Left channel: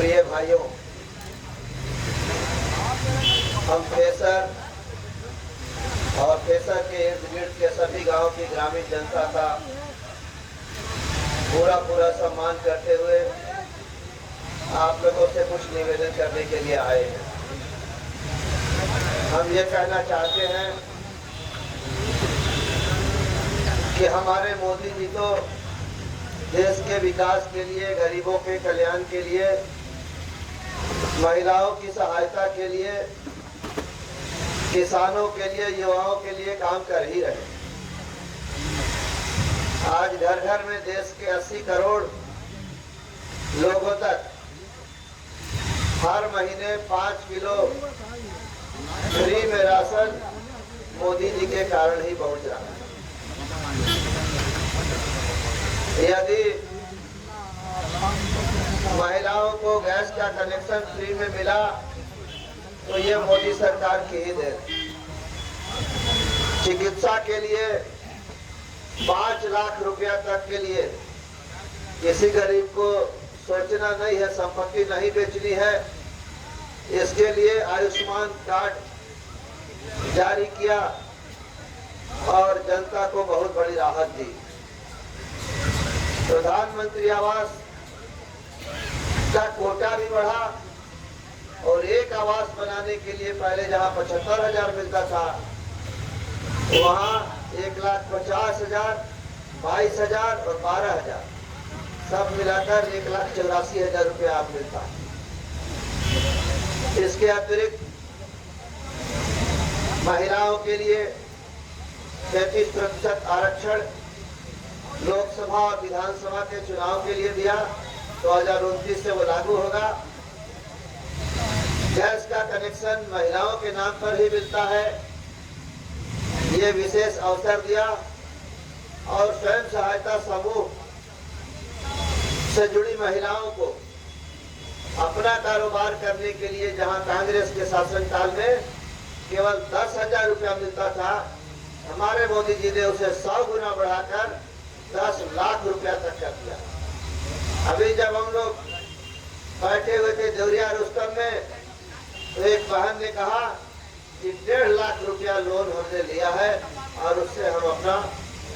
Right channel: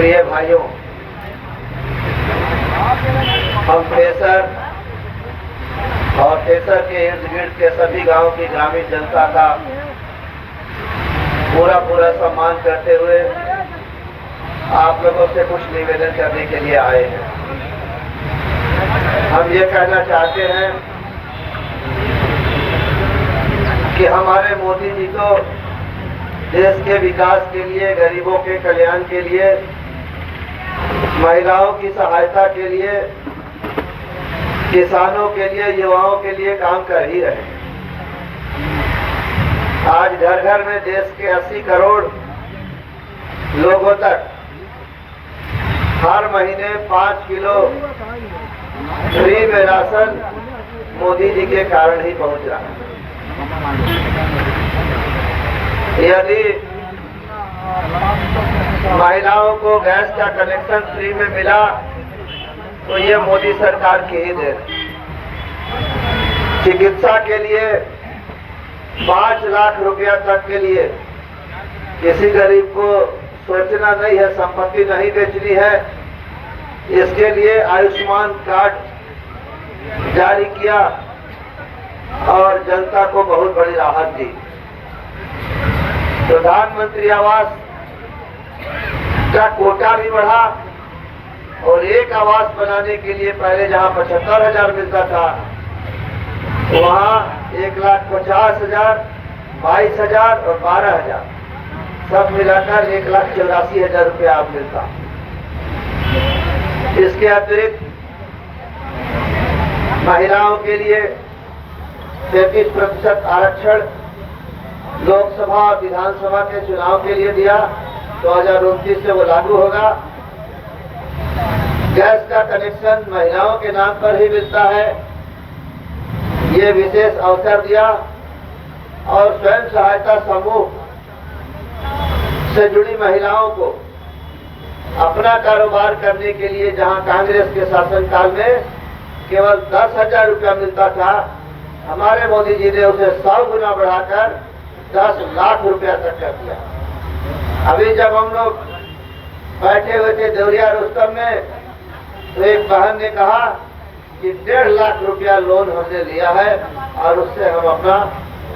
प्रिय भाइयों, हम ठेसर और ठेसर के इर्द गिर्द के सभी गांव की ग्रामीण जनता का पूरा सम्मान करते हुए आप लोगों से कुछ निवेदन करने के लिए आए हैं। हम ये कहना चाहते हैं कि हमारे मोदी जी तो देश के विकास के लिए, गरीबों के कल्याण के लिए, महिलाओं की सहायता के लिए, किसानों के लिए, युवाओं के लिए काम कर ही रहे हैं। आज घर घर में देश के 80 करोड़ लोगों तक हर महीने 5 किलो फ्री में राशन मोदी जी के कारण ही पहुंच रहा है। यदि महिलाओं को गैस का कनेक्शन फ्री में मिला तो ये मोदी सरकार की ही देन। चिकित्सा के लिए 5 लाख रुपया तक के लिए किसी गरीब को सोचना नहीं है, संपत्ति नहीं बेचनी है। इसके लिए आयुष्मान कार्ड जारी किया और जनता को बहुत बड़ी राहत दी। प्रधानमंत्री आवास का कोटा भी बढ़ा और एक आवास बनाने के लिए पहले जहां 75,000 मिलता था वहां 1,50,000, 22,000 और 12,000 सब मिलाकर 1,84,000 रुपया आप मिलता। इसके अतिरिक्त महिलाओं के लिए 33% आरक्षण लोकसभा और विधानसभा के चुनाव के लिए दिया। 2029 से वो लागू होगा। गैस का कनेक्शन महिलाओं के नाम पर ही मिलता है, ये विशेष अवसर दिया। और स्वयं सहायता समूह से जुड़ी महिलाओं को अपना कारोबार करने के लिए जहां कांग्रेस के शासनकाल में केवल 10,000 रुपया मिलता था, हमारे मोदी जी ने उसे 100 गुना बढ़ाकर 10 लाख रुपया तक कर दिया। अभी जब हम लोग बैठे हुए थे देवरिया रुस्तम में तो एक बहन ने कहा कि 1.5 लाख रुपया लोन हमने लिया है और उससे हम अपना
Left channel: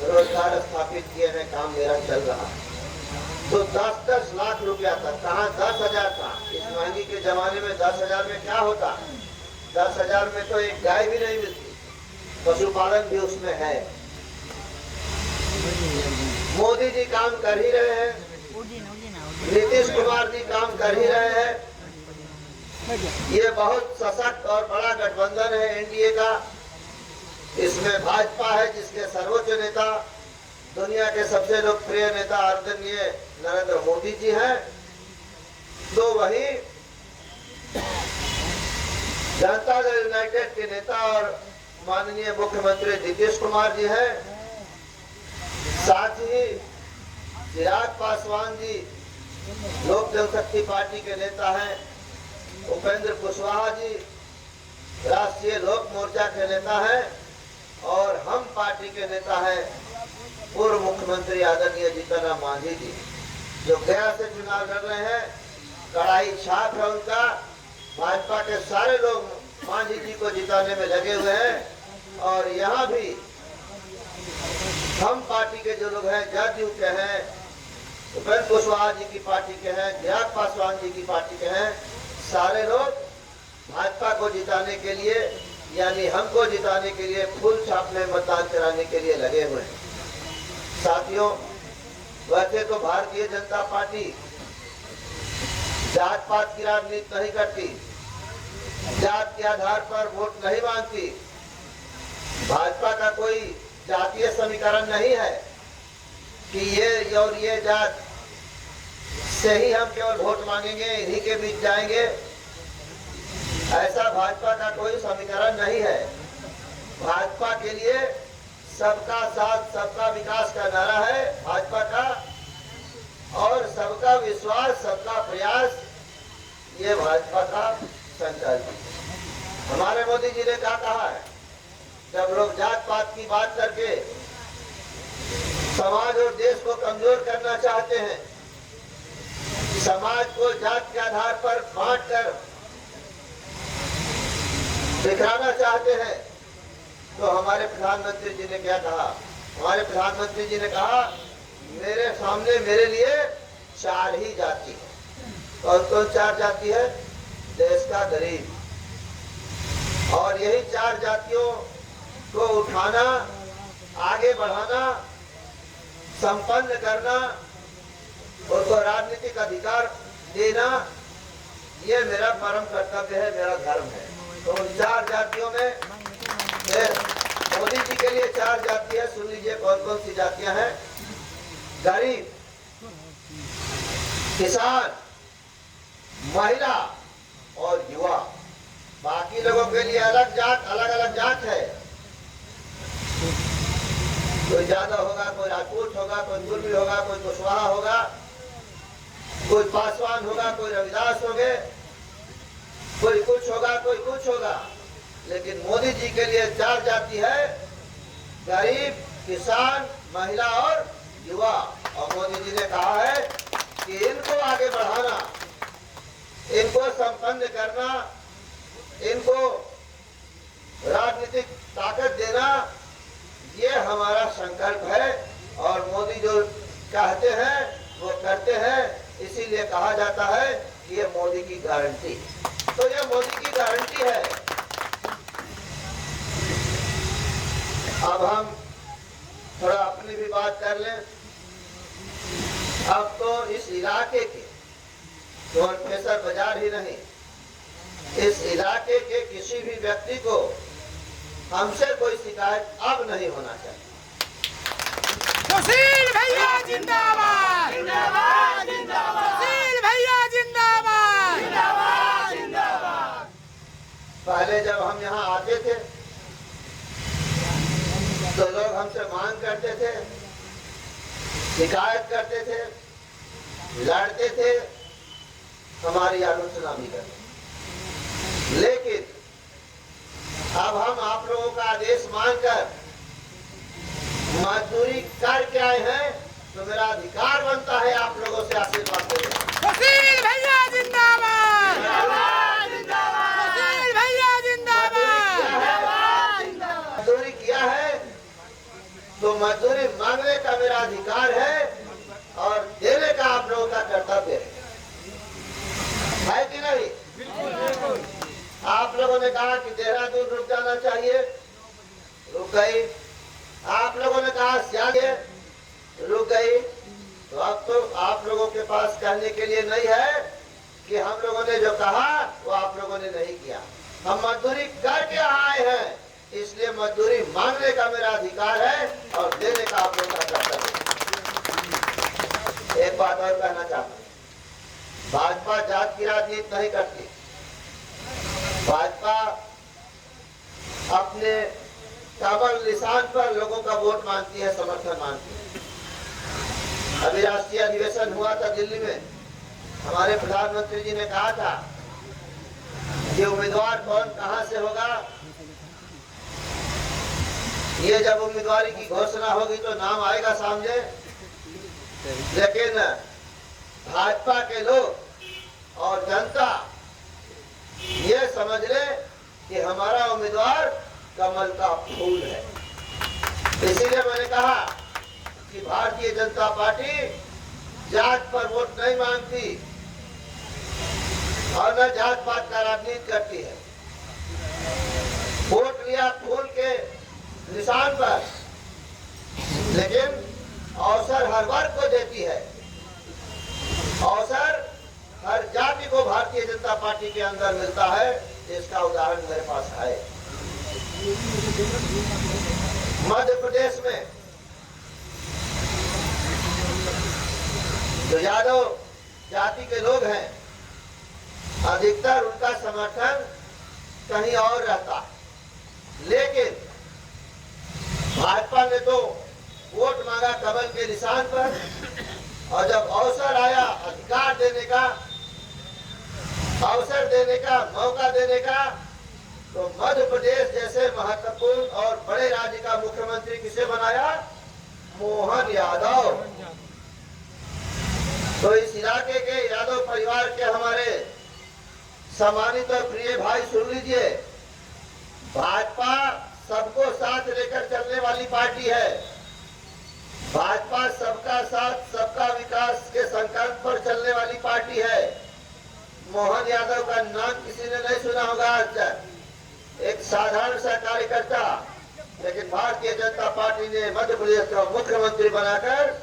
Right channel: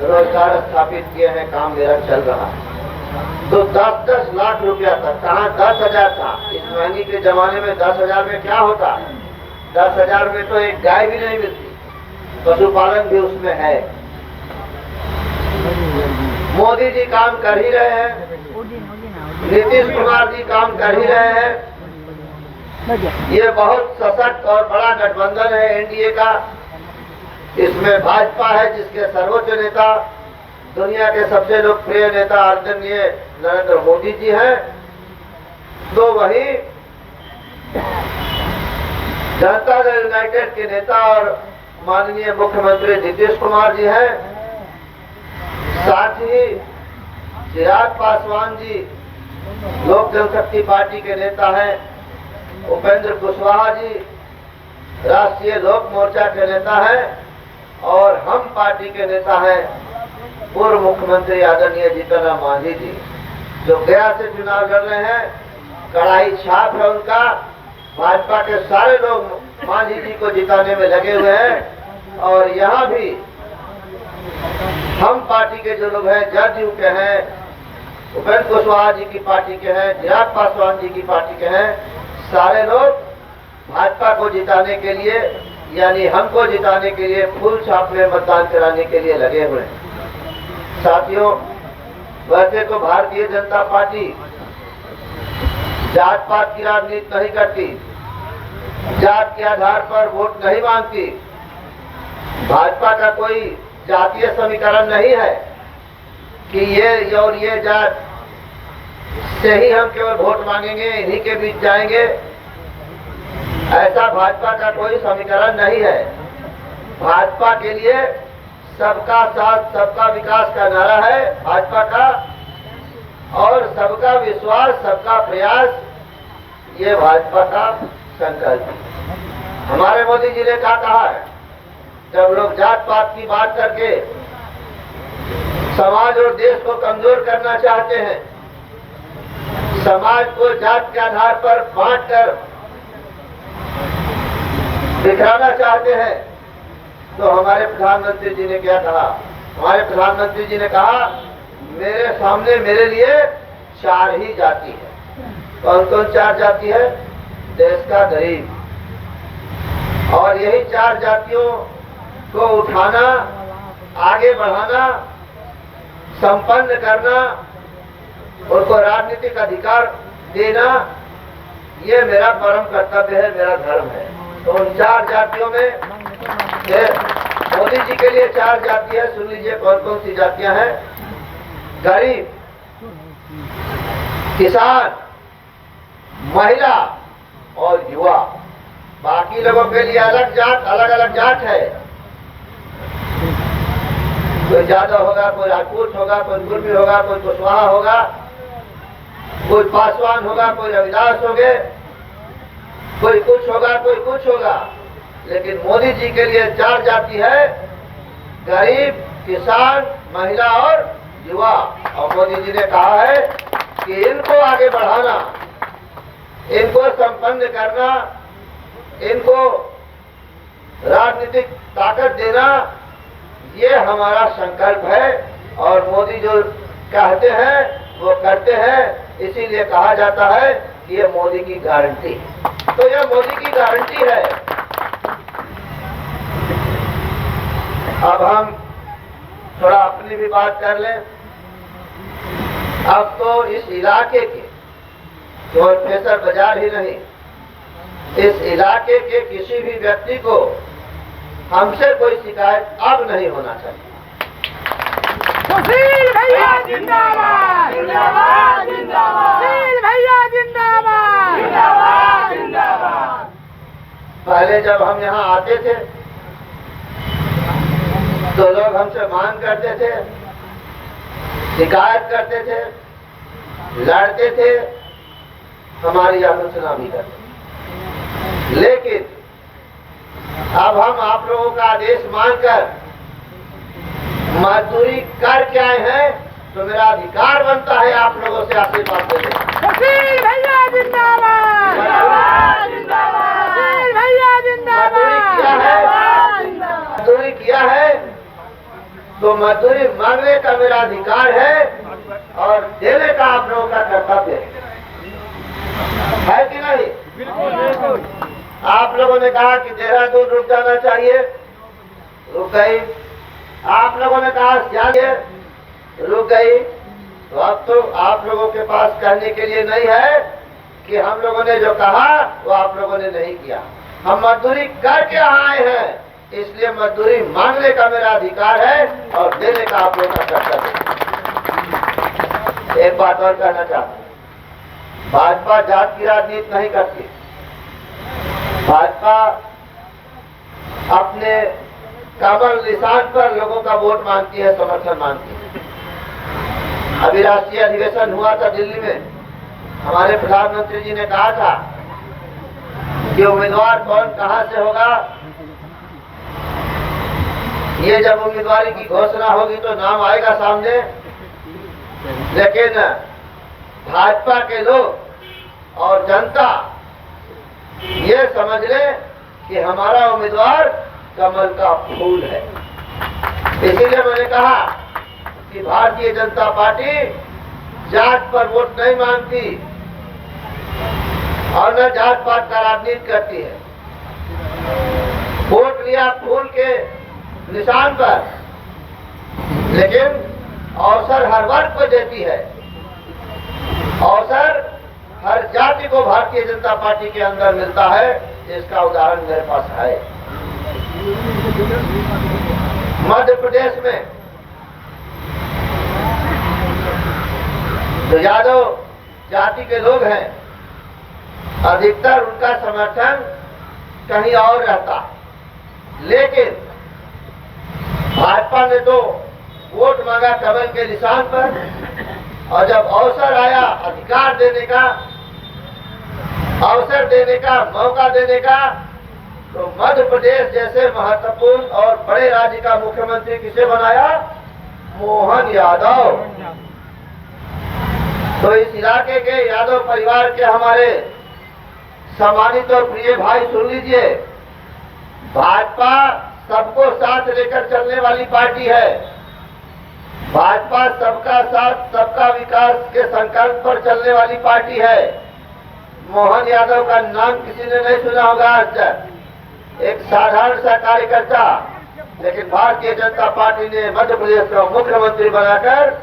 रोजगार स्थापित किए हैं, काम मेरा चल रहा है। तो 10-10 लाख रुपया तक, कहाँ 10,000 था। इस महंगी के जमाने में 10,000 में क्या होता? 10,000 में तो एक गाय भी नहीं मिलती। पशुपालन भी उसमें है। मोदी जी काम कर ही रहे हैं, नीतीश कुमार जी काम कर ही रहे हैं। ये बहुत सशक्त और बड़ा गठबंधन है एनडीए का। इसमें भाजपा है जिसके सर्वोच्च नेता, दुनिया के सबसे लोकप्रिय नेता आदरणीय नरेंद्र मोदी जी हैं। तो वही जनता दल यूनाइटेड के नेता और माननीय मुख्यमंत्री नीतीश कुमार जी हैं। साथ ही चिराग पासवान जी लोक जनशक्ति पार्टी के नेता हैं। उपेंद्र कुशवाहा जी राष्ट्रीय लोक मोर्चा के नेता हैं और हम पार्टी के नेता हैं पूर्व मुख्यमंत्री आदरणीय जीतन राम मांझी जी, जो गया से चुनाव लड़ रहे हैं। कड़ाई छाप है उनका। भाजपा के सारे लोग मांझी जी को जिताने में लगे हुए हैं। और यहाँ भी हम पार्टी के जो लोग हैं, जदयू के हैं, उपेंद्र कुशवाहा जी की पार्टी के हैं, चिराग पासवान जी की पार्टी के हैं, सारे लोग भाजपा को जिताने के लिए, यानी हमको जिताने के लिए फूल छाप में मतदान कराने के लिए लगे हुए हैं। साथियों, वैसे तो भारतीय जनता पार्टी जात पात की राजनीति नहीं करती, जात के आधार पर वोट नहीं मांगती। भाजपा का कोई जातीय समीकरण नहीं है कि ये और ये जात से ही हम केवल वोट मांगेंगे, इन्हीं के बीच जाएंगे। ऐसा भाजपा का कोई समीकरण नहीं है। भाजपा के लिए सबका साथ सबका विकास का नारा है भाजपा का, और सबका विश्वास सबका प्रयास ये भाजपा का संकल्प है। हमारे मोदी जी ने क्या कहा है? जब लोग जात पात की बात करके समाज और देश को कमजोर करना चाहते हैं, समाज को जात के आधार पर बांटकर बिखराना चाहते हैं, तो हमारे प्रधानमंत्री जी ने क्या कहा? हमारे प्रधानमंत्री जी ने कहा मेरे सामने मेरे लिए 4 ही जाति है। कौन कौन 4 जाति है? देश का गरीब, और यही 4 जातियों को उठाना, आगे बढ़ाना, संपन्न करना, उनको राजनीतिक अधिकार देना, ये मेरा परम कर्तव्य है, मेरा धर्म है। तो उन 4 जातियों में मोदी जी के लिए 4 जाति है। सुन लीजिए कौन कौन सी जातियां हैं। गरीब, किसान, महिला और युवा। बाकी लोगों के लिए अलग जात, अलग अलग जात है। कोई यादव होगा, कोई राजपूत होगा, कोई कुर्मी होगा, कोई कुशवाहा होगा, कोई पासवान होगा, कोई रविदास होंगे, कोई कुछ होगा, कोई कुछ होगा। लेकिन मोदी जी के लिए 4 जाति है, गरीब, किसान, महिला और युवा। और मोदी जी ने कहा है कि इनको आगे बढ़ाना, इनको संपन्न करना, इनको राजनीतिक ताकत देना, ये हमारा संकल्प है। और मोदी जो कहते हैं वो करते हैं, इसीलिए कहा जाता है कि ये मोदी की गारंटी। तो यह मोदी की गारंटी है। अब हम थोड़ा अपनी भी बात कर लें। अब तो इस इलाके के केवल प्रेशर बाजार ही नहीं, इस इलाके के किसी भी व्यक्ति को हमसे कोई शिकायत अब नहीं होना चाहिए। सुशील भैया जिंदाबाद, जिंदाबाद, जिंदाबाद, सुशील भैया जिंदाबाद, जिंदाबाद, जिंदाबाद। पहले जब हम यहाँ आते थे तो लोग हमसे मांग करते थे, शिकायत करते थे, लड़ते थे, हमारी आलोचना भी करते थे। लेकिन अब हम आप लोगों का आदेश मानकर मजदूरी करके आए हैं, तो मेरा अधिकार बनता है आप लोगों से आशीर्वाद देने। सुशील भैया जिंदाबाद, जिंदाबाद, जिंदाबाद, सुशील भैया जिंदाबाद, मजदूरी किया है तो मजदूरी मांगने का मेरा अधिकार है और देने का आप लोगों का कर्तव्य है कि नहीं? आप लोगों ने कहा कि देहरादून रुक जाना चाहिए, रुक गई। आप लोगों ने कहा सियाल रुक गई। तो अब तो आप लोगों के पास कहने के लिए नहीं है कि हम लोगों ने जो कहा वो आप लोगों ने नहीं किया। हम मजदूरी करके आए हैं, इसलिए मजदूरी मांगने का मेरा अधिकार है और देने का आप लोगों का कर्तव्य है। एक बात और कहना चाहता हूँ, भाजपा जात की राजनीति नहीं करती। भाजपा अपने कमल निशान पर लोगों का वोट मांगती है, समर्थन मांगती है। अभी राष्ट्रीय अधिवेशन हुआ था दिल्ली में, हमारे प्रधानमंत्री जी ने कहा था कि उम्मीदवार कौन कहां से होगा, ये जब उम्मीदवारी की घोषणा होगी तो नाम आएगा सामने। लेकिन भाजपा के लोग और जनता ये समझ ले कि हमारा उम्मीदवार कमल का फूल है। इसीलिए मैंने कहा कि भारतीय जनता पार्टी जात पर वोट नहीं मांगती और न जात पात का राजनीति करती है। वोट लिया फूल के निशान पर, लेकिन अवसर हर वर्ग को देती है। अवसर हर जाति को भारतीय जनता पार्टी के अंदर मिलता है। इसका उदाहरण मेरे पास है। मध्य प्रदेश में जो यादव जाति के लोग हैं, अधिकतर उनका समर्थन कहीं और रहता है। लेकिन भाजपा ने तो वोट मांगा कमल के निशान पर, और जब अवसर आया अधिकार देने का, अवसर देने का, मौका देने का, तो मध्य प्रदेश जैसे महत्वपूर्ण और बड़े राज्य का मुख्यमंत्री किसे बनाया? मोहन यादव। तो इस इलाके के यादव परिवार के हमारे सम्मानित और प्रिय भाई सुन लीजिए, भाजपा सबको साथ लेकर चलने वाली पार्टी है। भाजपा सबका साथ सबका विकास के संकल्प पर चलने वाली पार्टी है। मोहन यादव का नाम किसी ने नहीं सुना होगा आज तक, एक साधारण सा कार्यकर्ता, लेकिन भारतीय जनता पार्टी ने मध्य प्रदेश का मुख्यमंत्री बनाकर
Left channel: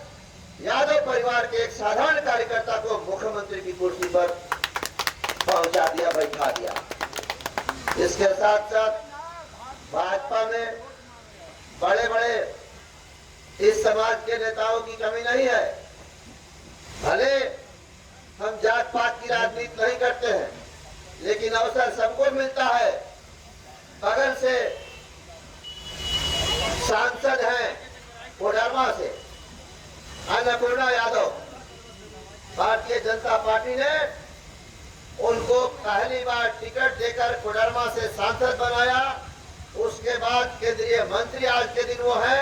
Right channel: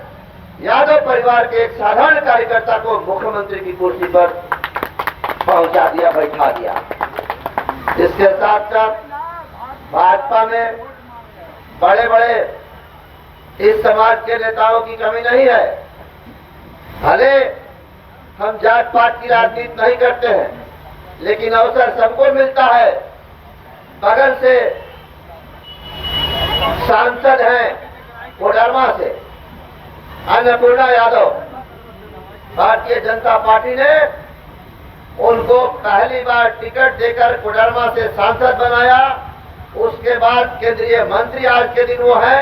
यादव परिवार के एक साधारण कार्यकर्ता को मुख्यमंत्री की कुर्सी पर पहुंचा दिया, बैठा दिया। इसके साथ साथ भाजपा में बड़े बड़े इस समाज के नेताओं की कमी नहीं है। भले हम जात पात की राजनीति नहीं करते हैं, लेकिन अवसर सबको मिलता है। बगल से सांसद हैं कोडरमा से अन्नपूर्णा यादव, भारतीय जनता पार्टी ने उनको पहली बार टिकट देकर कोडरमा से सांसद बनाया। उसके बाद केंद्रीय मंत्री आज के दिन वो है,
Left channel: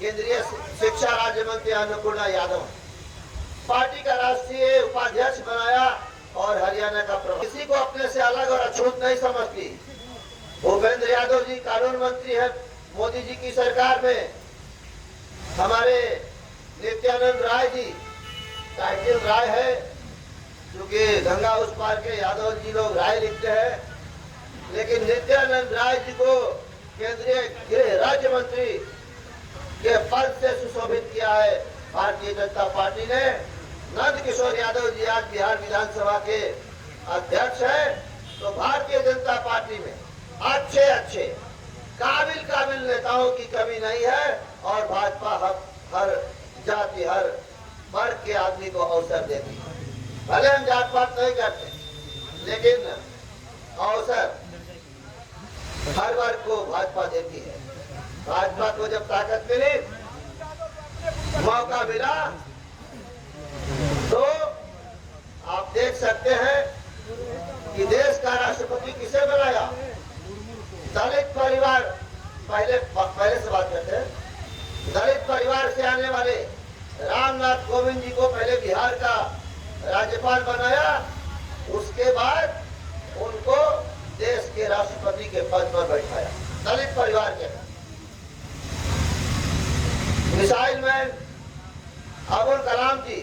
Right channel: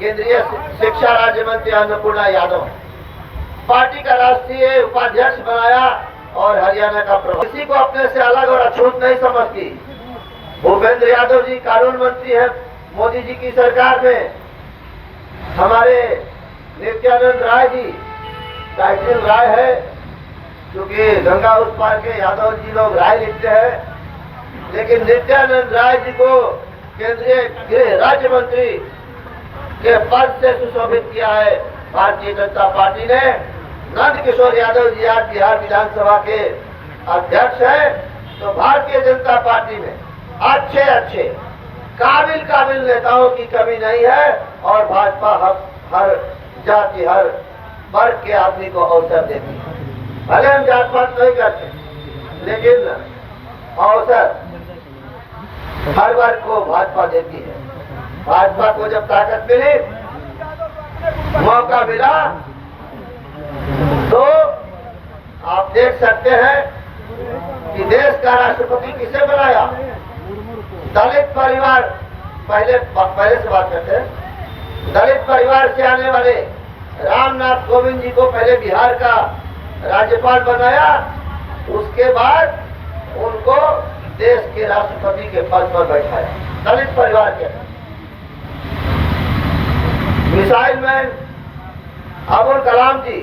केंद्रीय शिक्षा राज्य मंत्री अन्नपूर्णा यादव पार्टी का राष्ट्रीय उपाध्यक्ष बनाया और हरियाणा का प्रभारी। किसी को अपने से अलग और अछूत नहीं समझती। भूपेंद्र यादव जी कानून मंत्री है मोदी जी की सरकार में। हमारे नित्यानंद राय जी, टाइटल राय है क्योंकि गंगा उस पार के यादव जी लोग राय लिखते हैं, लेकिन नित्यानंद राय जी को केंद्रीय गृह राज्य मंत्री के पद से सुशोभित किया है भारतीय जनता पार्टी ने। नंद किशोर यादव जी आज बिहार विधानसभा के अध्यक्ष हैं। तो भारतीय जनता पार्टी में अच्छे काबिल नेताओं की कमी नहीं है और भाजपा हर जाति हर वर्ग के आदमी को अवसर देती है। भले हम जात पात नहीं करते, लेकिन अवसर हर वर्ग को भाजपा देती है। भाजपा को जब ताकत मिली, मौका मिला, तो आप देख सकते हैं कि देश का राष्ट्रपति किसे बनाया? दलित परिवार, पहले से बात करते हैं। दलित परिवार से आने वाले रामनाथ कोविंद जी को पहले बिहार का राज्यपाल बनाया, उसके बाद उनको देश के राष्ट्रपति के पद पर बैठाया। दलित परिवार के मिसाइल मैन अब्दुल कलाम जी,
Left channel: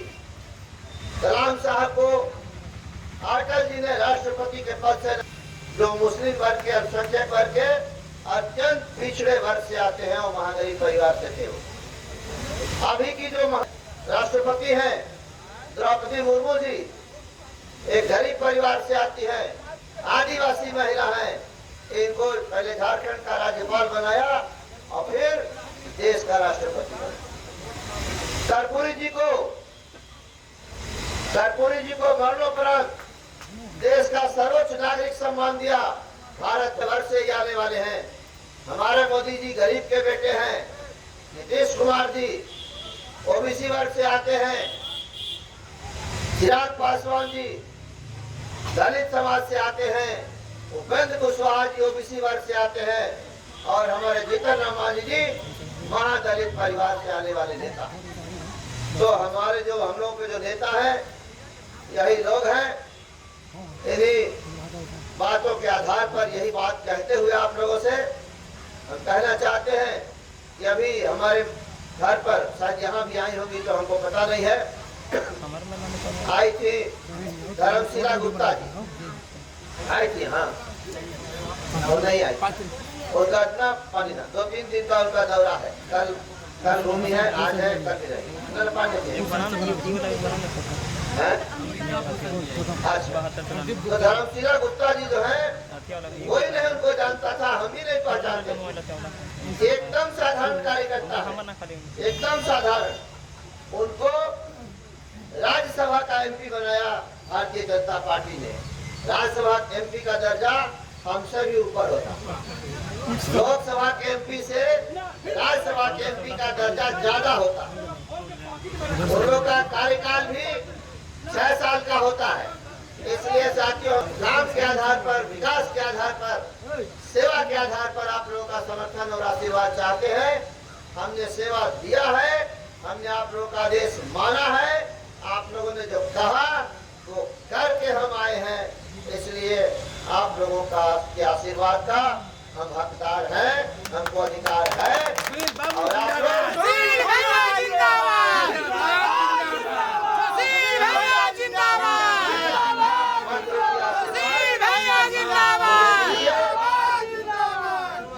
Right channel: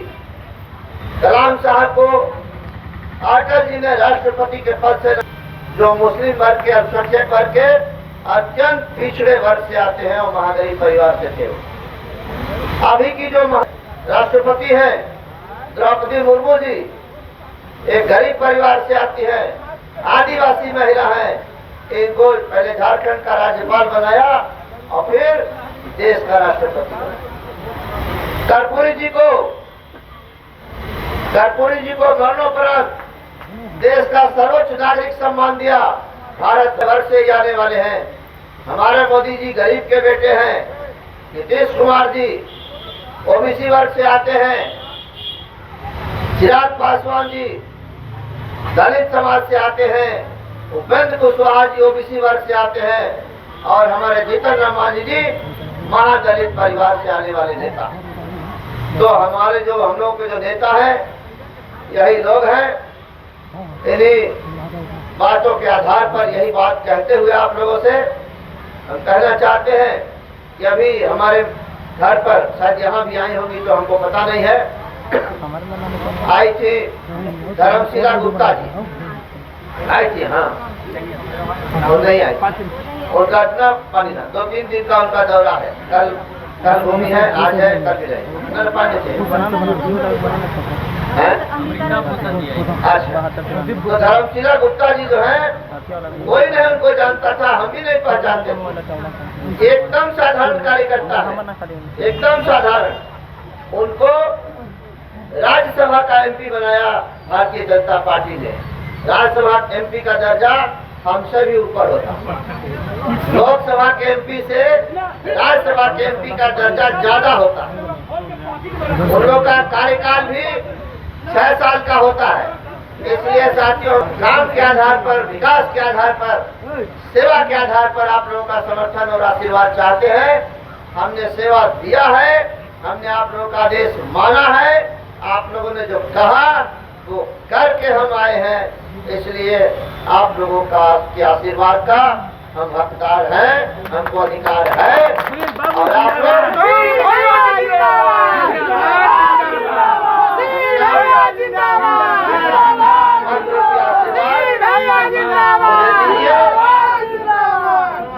कलाम साहब को अटल जी ने राष्ट्रपति के पद से, जो मुस्लिम वर्ग के अल्पसंख्यक वर्ग के अत्यंत पिछड़े वर्ग से आते हैं और महागरीब परिवार से थे। अभी की जो राष्ट्रपति हैं द्रौपदी मुर्मू जी, एक गरीब परिवार से आती है, आदिवासी महिला है। इनको पहले झारखंड का राज्यपाल बनाया और फिर देश का राष्ट्रपति बनाया। कर्पूरी जी को मरणोपरांत देश का सर्वोच्च नागरिक सम्मान दिया। भारत वर्ष से आने वाले हैं। हमारे मोदी जी गरीब के बेटे हैं। नीतीश कुमार जी ओबीसी वर्ग से आते हैं। चिराग पासवान जी दलित समाज से आते हैं। उपेंद्र कुशवाहा जी ओबीसी वर्ग से आते हैं और हमारे जीतन राम मांझी जी महादलित परिवार से आने वाले नेता। तो हमारे जो हम लोग के जो नेता हैं यही लोग हैं। इन्हीं बातों के आधार पर यही बात कहते हुए आप लोगों से हम कहना चाहते हैं कि अभी हमारे घर पर, शायद यहाँ भी आई होंगी तो हमको पता नहीं है, आई थी धर्मशिला गुप्ता जी, आई थी। हाँ, वो नहीं आई, उनका इतना पानी ना, 2-3 दिन का उनका दौरा है। कल भूमि है, आज है, कल भी रहेगी। अच्छा, तो धर्मशिला गुप्ता जी जो है, कोई नहीं उनको जानता था, हम भी नहीं पहचानते। एकदम साधारण कार्यकर्ता है, एकदम साधारण। उनको राज्यसभा का एमपी बनाया भारतीय जनता पार्टी ने। राज्यसभा एमपी का दर्जा हमसे भी ऊपर होता। लोकसभा के एमपी से राज्यसभा के एमपी का दर्जा ज्यादा होता। उन लोगों का कार्यकाल भी 6 साल का होता है। इसलिए साथियों, काम के आधार पर, विकास के आधार पर, सेवा के आधार पर आप लोगों का समर्थन और आशीर्वाद चाहते हैं। हमने सेवा दिया है, हमने आप लोगों का आदेश माना है आप लोगों ने जो कहा वो करके हम आए हैं, इसलिए आप लोगों का के आशीर्वाद का हम हकदार हैं, हमको अधिकार है। और आप लोग सुशील भैया जिंदाबाद, सुशील भैया जिंदाबाद, सुशील भैया जिंदाबाद।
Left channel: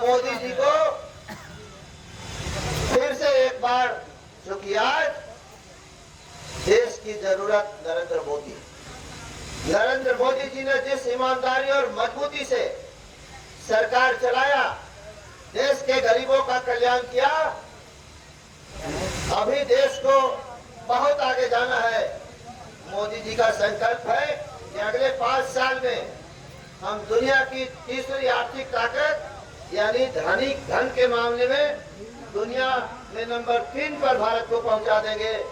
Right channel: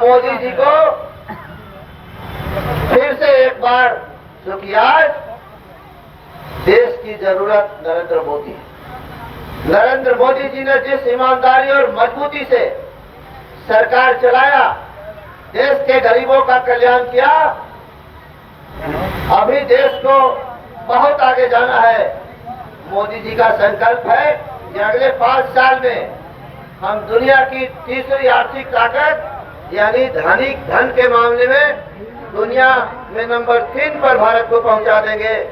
मोदी जी को फिर से एक बार शुक्रिया। देश की जरूरत नरेंद्र मोदी है। नरेंद्र मोदी जी ने जिस ईमानदारी और मजबूती से सरकार चलाया, देश के गरीबों का कल्याण किया, अभी देश को बहुत आगे जाना है। मोदी जी का संकल्प है कि अगले 5 साल में हम दुनिया की तीसरी आर्थिक ताकत यानी धन के मामले में दुनिया में नंबर 3 पर भारत को पहुंचा देंगे।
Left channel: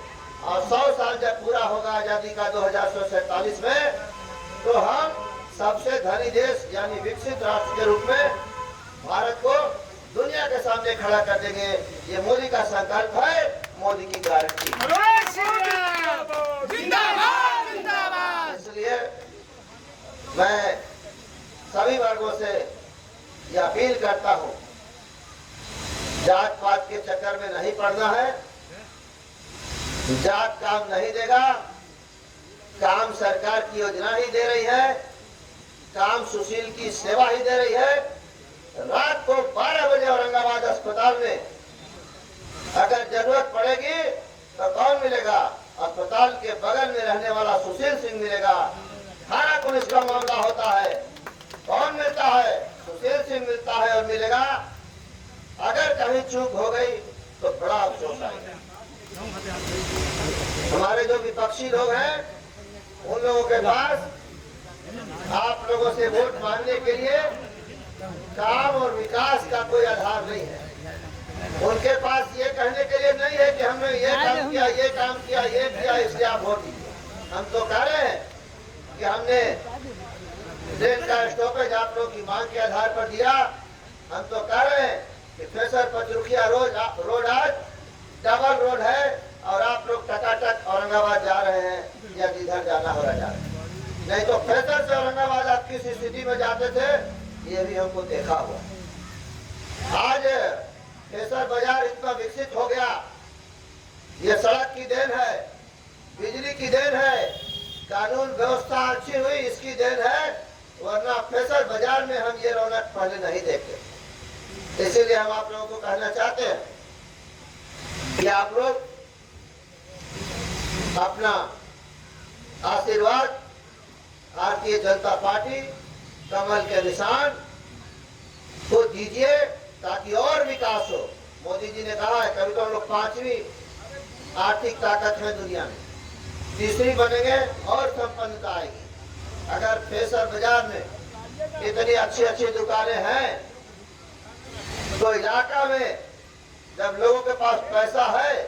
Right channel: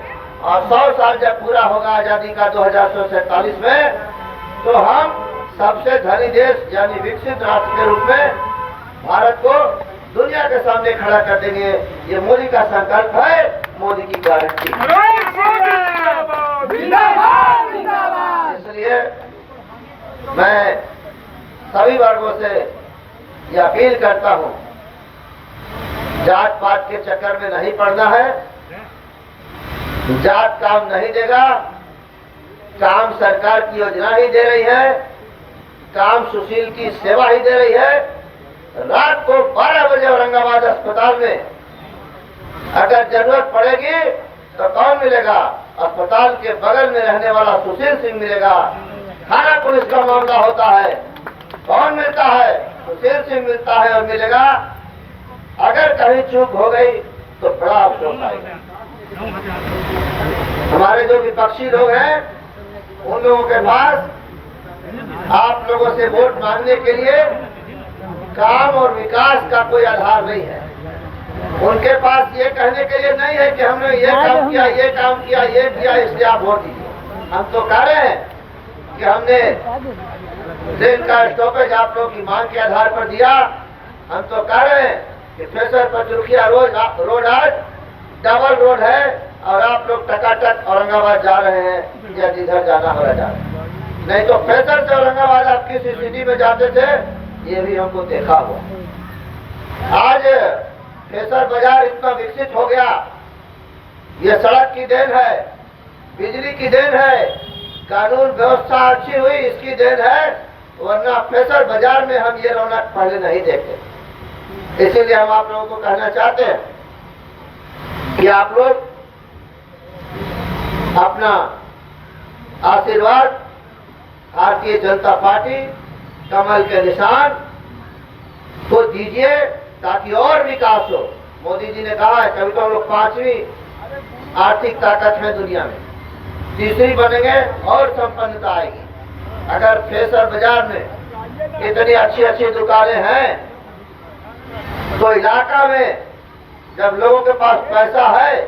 और 100 साल जब पूरा होगा आजादी का 2147 में, तो हम सबसे धनी देश यानी विकसित राष्ट्र के रूप में भारत को दुनिया के सामने खड़ा कर देंगे। ये मोदी का संकल्प है, मोदी की गारंटी। इसलिए मैं सभी वर्गों से ये अपील करता हूँ, जात पात के चक्कर में नहीं पड़ना है। जात काम नहीं देगा, काम सरकार की योजना ही दे रही है, काम सुशील की सेवा ही दे रही है। रात को 12 बजे औरंगाबाद अस्पताल में अगर जरूरत पड़ेगी तो कौन मिलेगा? अस्पताल के बगल में रहने वाला सुशील सिंह मिलेगा। थाना पुलिस का मामला होता है, कौन मिलता है? सुशील सिंह मिलता है और मिलेगा। अगर कहीं चूक हो गई तो बड़ा अफसोस आएगा। हमारे जो विपक्षी लोग हैं, उन लोगों के पास आप लोगों से वोट मांगने के लिए काम और विकास का कोई आधार नहीं है। उनके पास ये कहने के लिए नहीं है कि हमने ये काम किया, ये काम किया, ये किया, इसलिए आप वोट दीजिए। हम तो कह रहे हैं कि हमने ट्रेन का स्टॉपेज आप लोगों की मांग के आधार पर दिया। हम तो कह रहे हैं कि फ्रेशर पचरुखिया रोड आज डबल रोड है और आप लोग टकाटक औरंगाबाद जा रहे हैं या जिधर जाना हो रहा है। नहीं तो फ्रेशर से औरंगाबाद आप किस स्थिति में जाते थे, ये भी हमको देखा हुआ। आज फ्रेशर बाजार इतना विकसित हो गया, ये सड़क की देन है, बिजली की देन है, कानून व्यवस्था अच्छी हुई इसकी देन है, वरना फ्रेशर बाजार में हम ये रौनक पहले नहीं देखते। इसीलिए हम आप लोगों को कहना चाहते हैं कि आप लोग अपना आशीर्वाद भारतीय जनता पार्टी कमल के निशान को दीजिए ताकि और विकास हो। मोदी जी ने कहा है कभी तो हम लोग 5वीं आर्थिक ताकत है दुनिया में, तीसरी बनेंगे और संपन्नता आएगी। अगर फ्रेशर बाजार में इतनी अच्छी अच्छी दुकानें हैं तो इलाका में जब लोगों के पास पैसा है,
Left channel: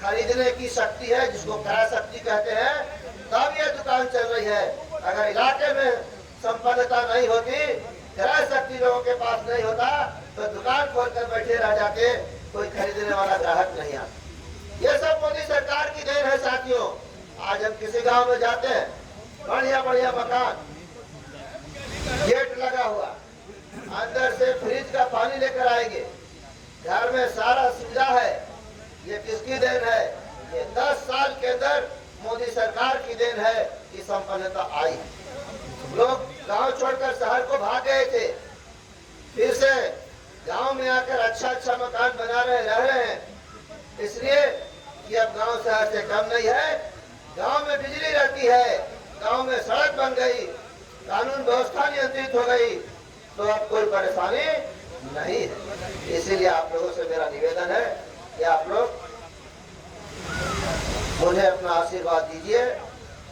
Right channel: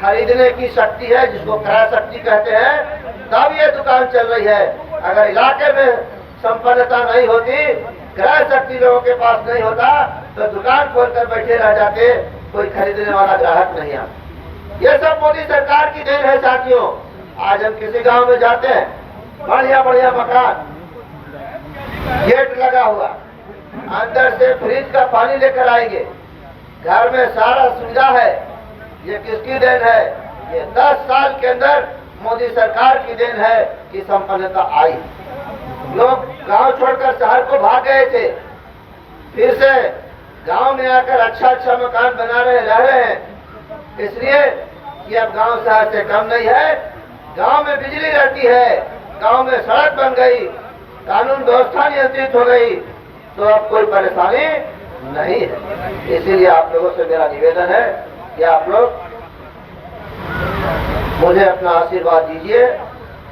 खरीदने की शक्ति है, जिसको क्रय शक्ति कहते हैं, तब ये दुकान चल रही है। अगर इलाके में संपन्नता नहीं होती, क्रय शक्ति लोगों के पास नहीं होता, तो दुकान खोलकर बैठे रह जाते, कोई खरीदने वाला ग्राहक नहीं आता। ये सब मोदी सरकार की देन है साथियों। आज हम किसी गांव में जाते हैं, बढ़िया बढ़िया मकान, गेट लगा हुआ, अंदर से फ्रिज का पानी लेकर आएंगे, घर में सारा सुविधा है। ये किसकी देन है? ये 10 साल के अंदर मोदी सरकार की देन है कि संपन्नता आई। लोग गांव छोड़कर शहर को भाग गए थे, फिर से गांव में आकर अच्छा अच्छा मकान बना रहे, रह रहे हैं, इसलिए कि अब गांव शहर से कम नहीं है। गांव में बिजली रहती है, गांव में सड़क बन गई, कानून व्यवस्था नियंत्रित हो गई, तो अब कोई परेशानी नहीं है। इसीलिए आप लोगों से मेरा निवेदन है कि आप लोग मुझे अपना आशीर्वाद दीजिए।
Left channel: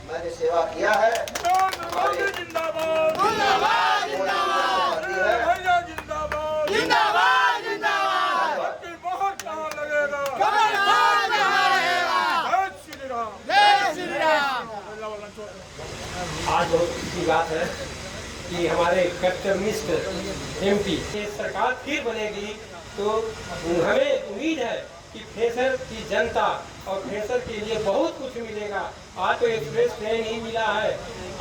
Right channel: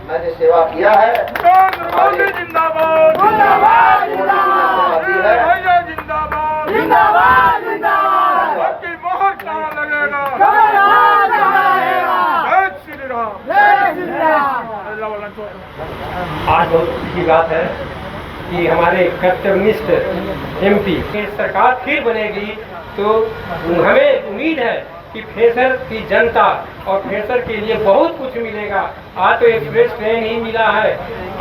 मैंने सेवा किया है, मोदी जिंदाबाद, जिंदाबाद, जिंदाबाद, जिंदाबाद, जिंदाबाद, जिंदाबाद। बाकी बहुत कहाँ लगेगा, जय श्री राम, जय श्री राम। आज बहुत खुशी की बात है कि हमारे कर्तव्यनिष्ठ एमपी की सरकार फिर बनेगी, तो हमें उम्मीद है कि फ्रेशर की जनता और फ्रेशर के लिए बहुत कुछ मिलेगा। आज तो एक्सप्रेस ट्रेन ही मिला है,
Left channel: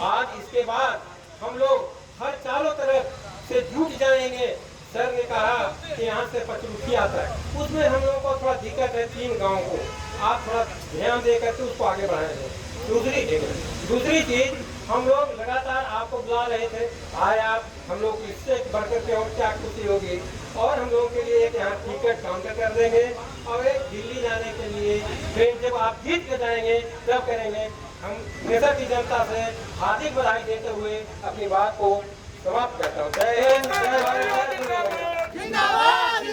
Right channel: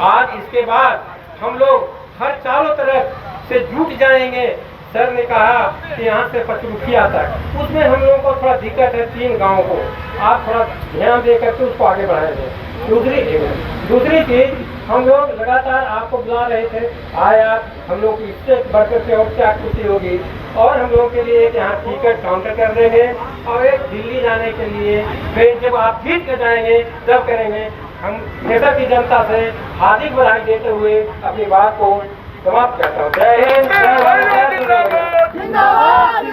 आज इसके बाद हम लोग हर चारों तरफ से जुट जाएंगे। सर ने कहा कि यहाँ से पचरुखिया तक, उसमें हम लोगों को थोड़ा दिक्कत है 3 गाँव को, आप थोड़ा ध्यान दे करके उसको आगे बढ़ाएंगे। दूसरी चीज, हम लोग लगातार आपको बुला रहे थे, आए आप, हम लोग इससे बढ़कर के और क्या खुशी होगी। और हम लोगों के लिए एक यहाँ टिकट काउंटर कर देंगे और एक दिल्ली जाने के लिए फिर जब आप जीत के जाएंगे तब करेंगे। हम देश की जनता से हार्दिक बधाई देते हुए अपनी बात को समाप्त करता हूँ। जय हिंद, जय भारत, जिंदाबाद जिंदाबाद,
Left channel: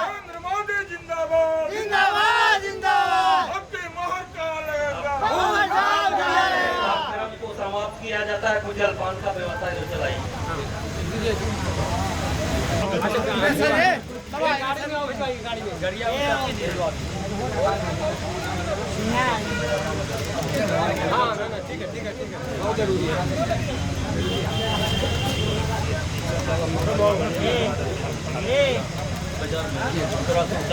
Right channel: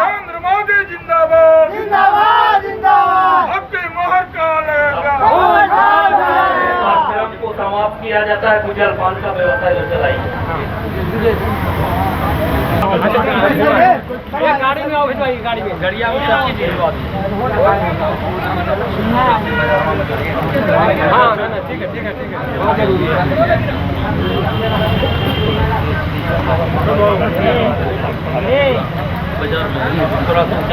नरेंद्र मोदी जिंदाबाद जिंदाबाद जिंदाबाद, आपके महाकाल कार्यक्रम को समाप्त किया जाता है। कुछ जलपान का व्यवस्था जो चलाई गाड़ी में आओ, गाड़ी में गड़िया में सब चीज भिजवा हाँ ठीक है ठीक है ठीक है, बहुत जरूरी है। बाजार में